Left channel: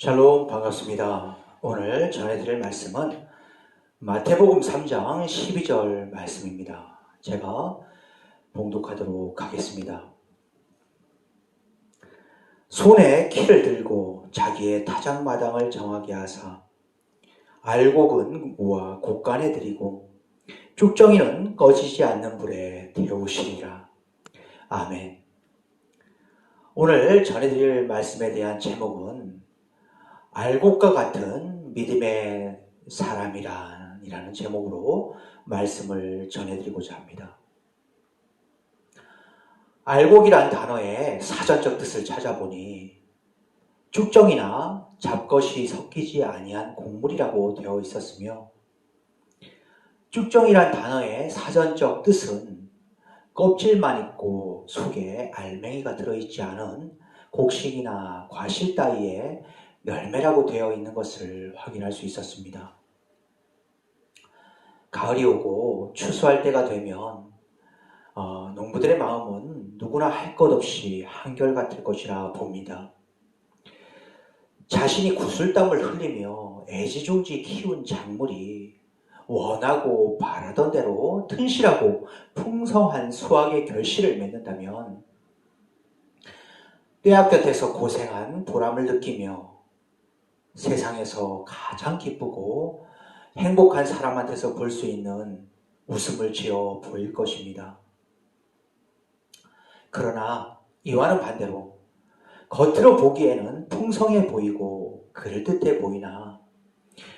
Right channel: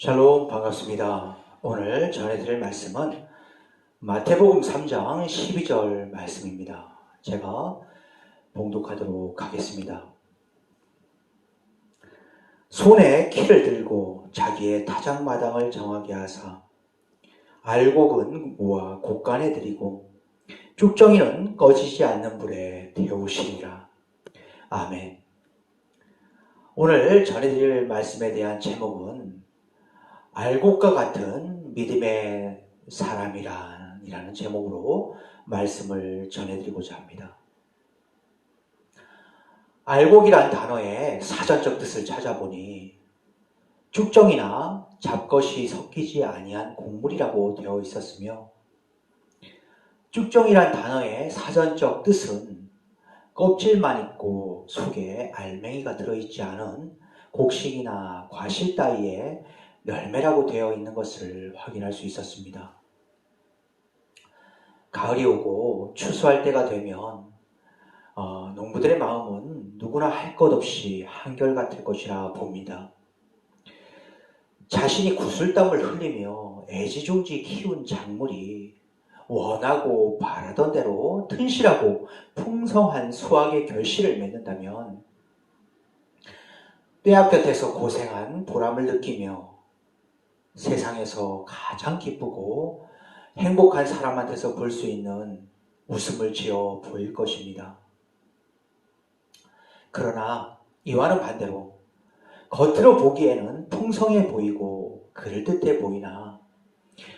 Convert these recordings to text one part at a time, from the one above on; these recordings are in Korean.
샬롬, 반갑습니다. 오늘 전해드릴 말씀은 마태복음 3장 12절 말씀입니다. 제가 봉독하도록 하겠습니다. 손에 키를 들고 자기의 타작마당을 정하게 하사 알곡은 모아 곳간에 들이고 쭉정이는 꺼지지 않는 불에 태우시리라. 아멘. 오늘 전해드릴 말씀에 대한 제목은 알곡과 같은 믿음의 사람이라는 제목으로 말씀을 전해드리고자 합니다. 알곡이란 단어의 사전적 뜻을 찾아보니 쭉정이나 잡것이 섞이지 아니한 곡물이라고 되어 있었으며, 쭉정이란 단어의 사전적 뜻은 껍질만 있고 속에 알맹이가 들어있지 않은 곡식이나 과실 따위의 열매라고 되어 있는 것을 확인할 수 있었습니다. 가을이 오고 추수할 때가 되면 농부들의 마음은 누구나 할 것 없이 한결같을 것이라 봅니다. 자신이 구슬땀을 흘리며 애지중지 키운 작물이 원하고 바라던 대로 튼실하고 풍성한 수확의 결실을 맺는다면 뼈아곁에서 고생한 보람을 느끼며 세상에서 가장 기쁘고 행복한 사람한테서 볼 수 있는 웃음을 지어 보일 것입니다. 그러나 이와는 반대로 겉으로 보기에는 풍성해 보이고 그럴듯해 보이나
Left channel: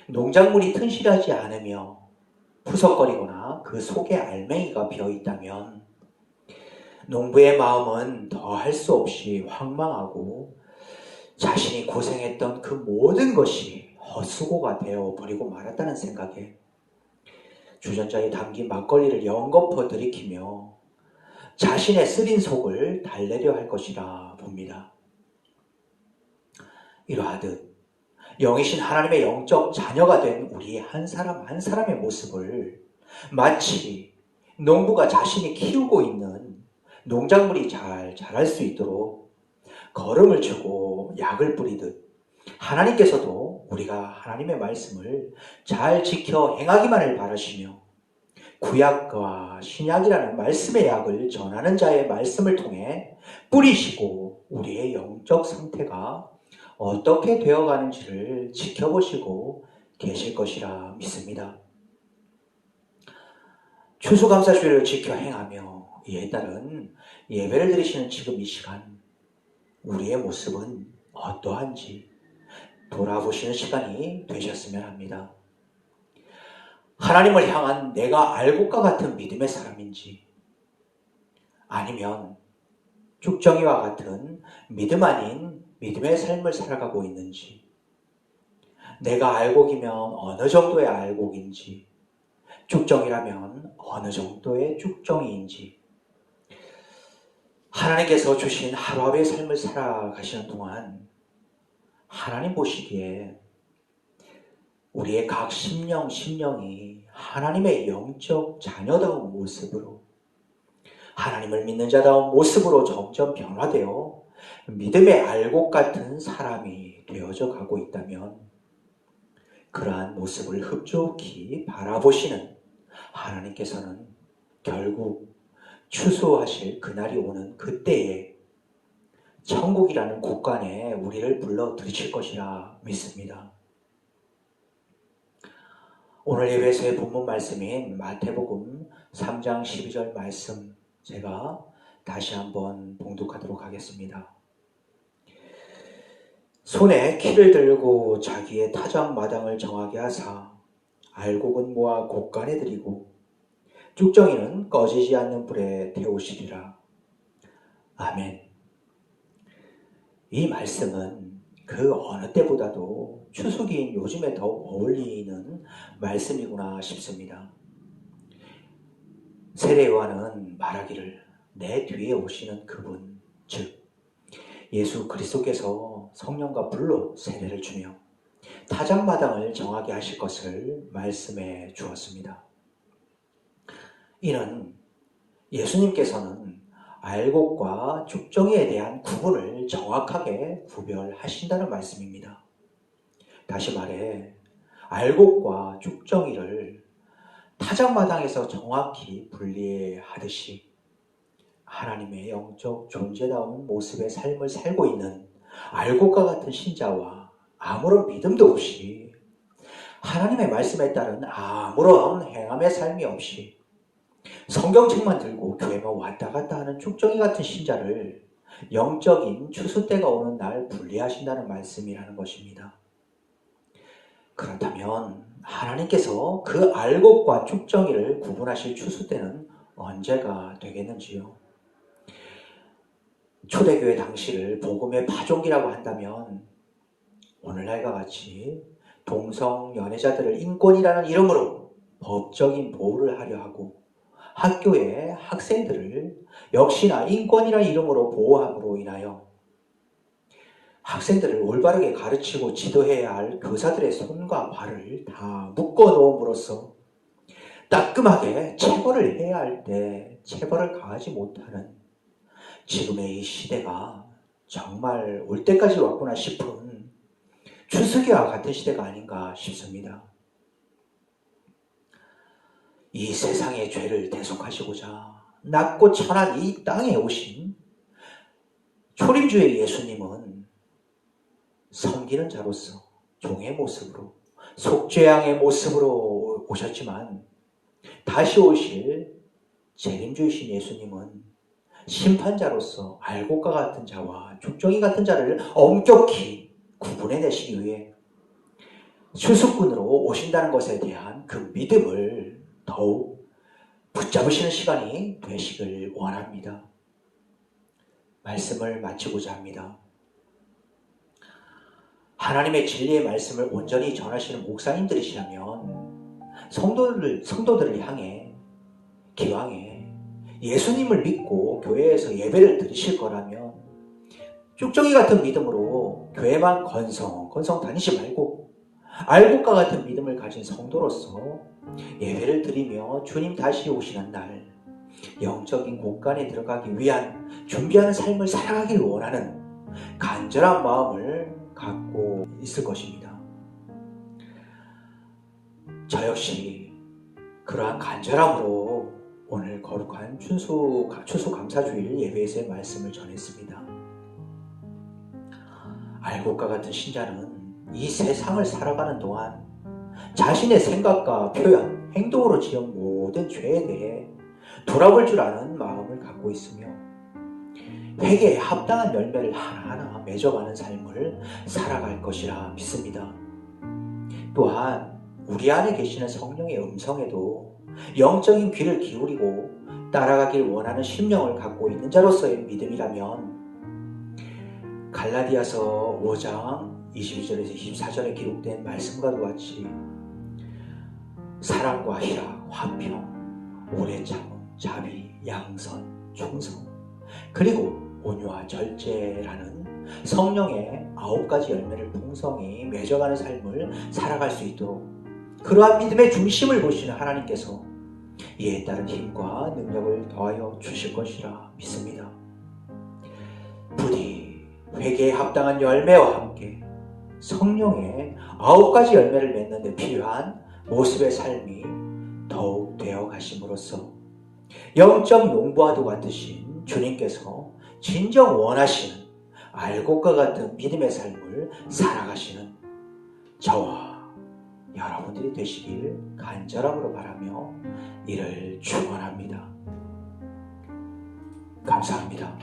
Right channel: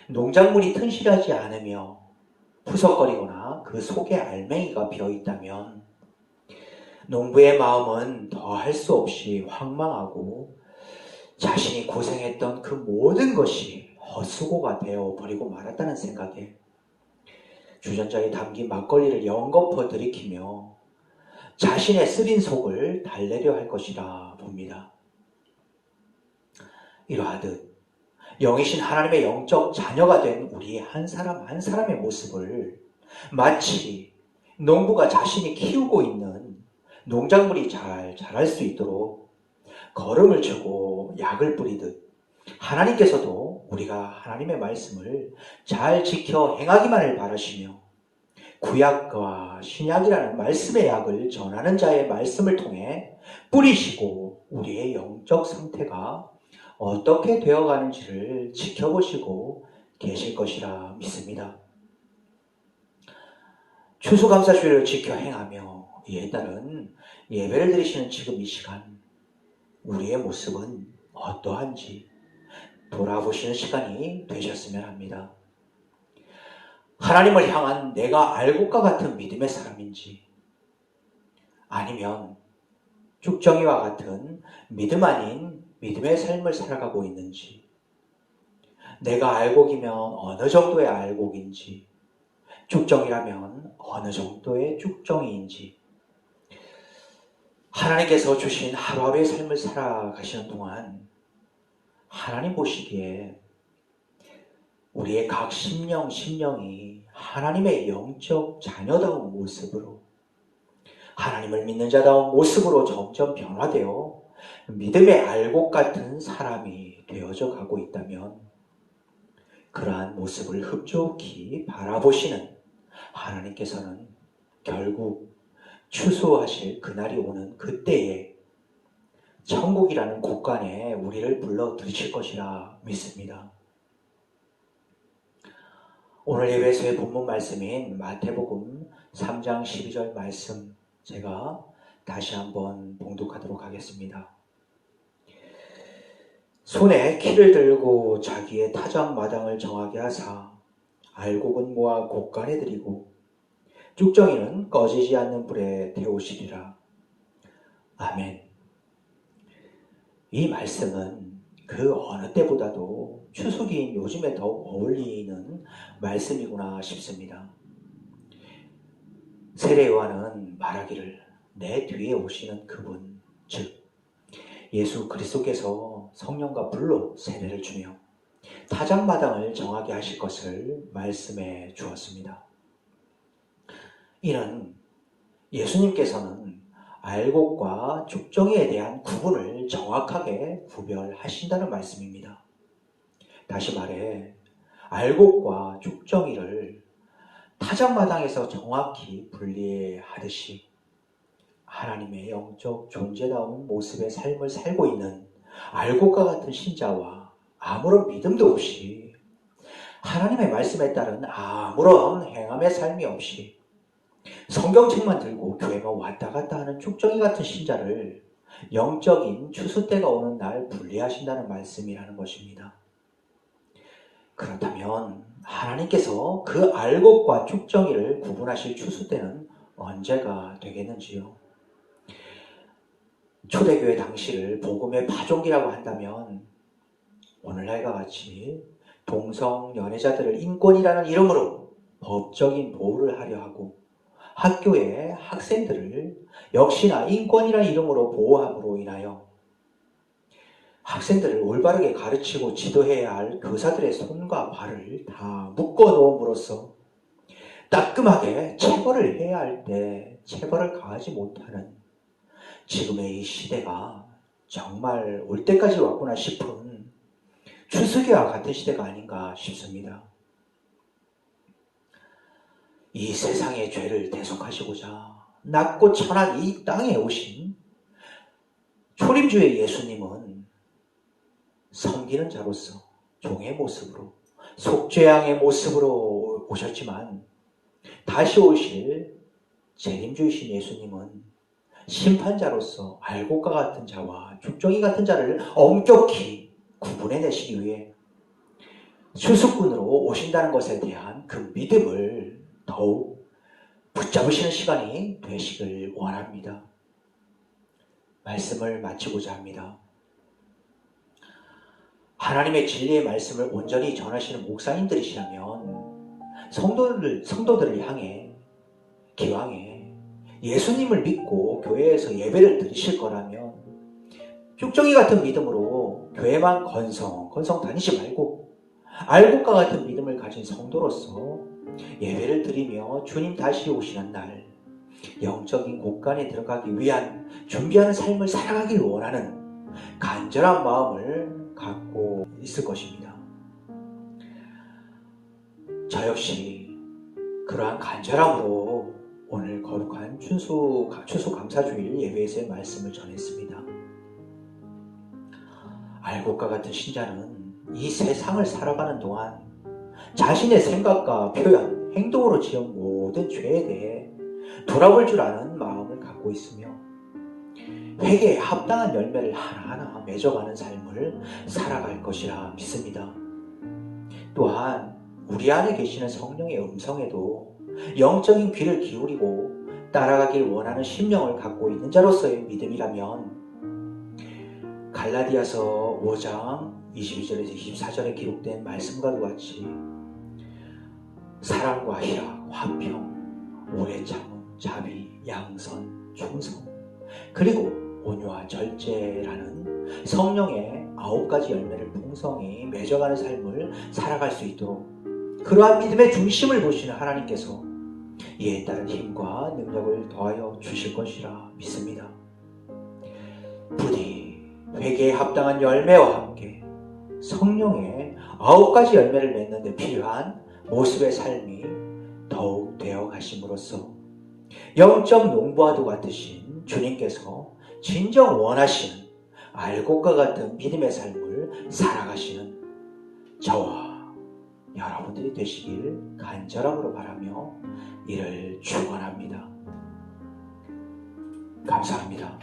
농작물이 튼실하지 않으며 푸석거리거나 그 속에 알맹이가 비어있다면 농부의 마음은 더 할 수 없이 황망하고 자신이 고생했던 그 모든 것이 헛수고가 되어버리고 말았다는 생각에 주전자에 담긴 막걸리를 연거푸 들이키며 자신의 쓰린 속을 달래려 할 것이라 봅니다. 이러하듯 영이신 하나님의 영적 자녀가 된 우리 한 사람 한 사람의 모습을 마치 농부가 자신이 키우고 있는 농작물이 잘 자랄 수 있도록 거름을 주고 약을 뿌리듯 하나님께서도 우리가 하나님의 말씀을 잘 지켜 행하기만을 바라시며 구약과 신약이라는 말씀의 약을 전하는 자의 말씀을 통해 뿌리시고 우리의 영적 상태가 어떻게 되어가는지를 지켜보시고 계실 것이라 믿습니다. 추수감사주일을 지켜 행하며 이에 따른 예배를 드리시는 지금 이 시간 우리의 모습은 어떠한지 돌아보시는 시간이 되셨으면 합니다. 하나님을 향한 내가 알곡과 같은 믿음의 사람인지 아니면 쭉정이와 같은 믿음 아닌 믿음의 삶을 살아가고 있는지, 내가 알곡이면 어느 정도의 알곡인지, 쭉정이라면 어느 정도의 쭉정이인지, 하나님께서 주신 하루하루의 삶을 살아가시는 동안 하나님 보시기에 우리의 각 심령이 하나님의 영적 자녀다운 모습으로, 하나님을 믿는 자다운 모습으로 점점 변화되어 믿음의 알곡 같은 사람이 되어져 가고 있다면 그러한 모습을 흡족히 바라보시는 하나님께서는 결국 추수하실 그날이 오는 그때에 천국이라는 곳간에 우리를 불러 들이실 것이라 믿습니다. 오늘 예배에서의 본문 말씀인 마태복음 3장 12절 말씀 제가 다시 한번 봉독하도록 하겠습니다. 손에 키를 들고 자기의 타작마당을 정하게 하사 알곡은 모아 곳간에 들이고 쭉정이는 꺼지지 않는 불에 태우시리라. 아멘. 이 말씀은 그 어느 때보다도 추수기인 요즘에 더욱 어울리는 말씀이구나 싶습니다. 세례요한은 말하기를 내 뒤에 오시는 그분, 즉 예수 그리스도께서 성령과 불로 세례를 주며 타작마당을 정하게 하실 것을 말씀해 주었습니다. 이는 예수님께서는 알곡과 쭉정이에 대한 구분을 정확하게 구별하신다는 말씀입니다. 다시 말해 알곡과 쭉정이를 타작마당에서 정확히 분리하듯이 하나님의 영적 존재다운 모습의 삶을 살고 있는 알곡과 같은 신자와 아무런 믿음도 없이 하나님의 말씀에 따른 아무런 행함의 삶이 없이 성경책만 들고 교회만 왔다 갔다 하는 쭉정이 같은 신자를 영적인 추수때가 오는 날 분리하신다는 말씀이라는 것입니다. 그렇다면 하나님께서 그 알곡과 쭉정이를 구분하실 추수때는 언제가 되겠는지요? 초대교회 당시를 복음의 파종기라고 한다면 오늘날과 같이 동성 연애자들을 인권이라는 이름으로 법적인 보호를 하려 하고 학교의 학생들을 역시나 인권이라는 이름으로 보호함으로 인하여 학생들을 올바르게 가르치고 지도해야 할 교사들의 손과 발을 다 묶어 놓음으로써 따끔하게 체벌을 해야 할 때 체벌을 가하지 못하는 지금의 이 시대가 정말 올 때까지 왔구나 싶은 추수기와 같은 시대가 아닌가 싶습니다. 이 세상의 죄를 대속하시고자 낮고 천한 이 땅에 오신 초림주의 예수님은 섬기는 자로서 종의 모습으로 속죄양의 모습으로 오셨지만 다시 오실 재림주이신 예수님은 심판자로서 알곡과 같은 자와 쭉정이 같은 자를 엄격히 구분해내시기 위해 수수꾼으로 오신다는 것에 대한 그 믿음을 더욱 붙잡으시는 시간이 되시길 원합니다. 말씀을 마치고자 합니다. 하나님의 진리의 말씀을 온전히 전하시는 목사님들이시라면 성도들을 향해 기왕에 예수님을 믿고 교회에서 예배를 드리실 거라면 쭉정이 같은 믿음으로 교회만 건성 다니지 말고 알곡과 같은 믿음을 가진 성도로서 예배를 드리며 주님 다시 오시는 날 영적인 곳간에 들어가기 위한 준비하는 삶을 살아가길 원하는 간절한 마음을 갖고 있을 것입니다. 저 역시 그러한 간절함으로 오늘 거룩한 추수감사주일 예배에서의 말씀을 전했습니다. 알곡과 같은 신자는 이 세상을 살아가는 동안 자신의 생각과 표현, 행동으로 지은 모든 죄에 대해 돌아볼 줄 아는 마음을 갖고 있으며 회개에 합당한 열매를 하나하나 맺어가는 삶을 살아갈 것이라 믿습니다. 또한 우리 안에 계시는 성령의 음성에도 영적인 귀를 기울이고 따라가길 원하는 심령을 갖고 있는 자로서의 믿음이라면 갈라디아서 5장 22절에서 24절에 기록된 말씀과 같이 사랑과 희락, 화평, 오래 참음, 자비, 양선, 충성 그리고 온유와 절제라는 성령의 9가지 열매를 풍성히 맺어가는 삶을 살아갈 수 있도록 그러한 믿음의 중심을 보시는 하나님께서 이에 따른 힘과 능력을 더하여 주실 것이라 믿습니다. 부디 회개에 합당한 열매와 함께 성령의 9가지 열매를 맺는 데 필요한 모습의 삶이 더욱 되어 가심으로써 영적 농부와도 같으신 주님께서 진정 원하시는 알곡과 같은 믿음의 삶을 살아가시는 저와 여러분들이 되시길 간절함으로 바라며 이를 축원합니다. 감사합니다.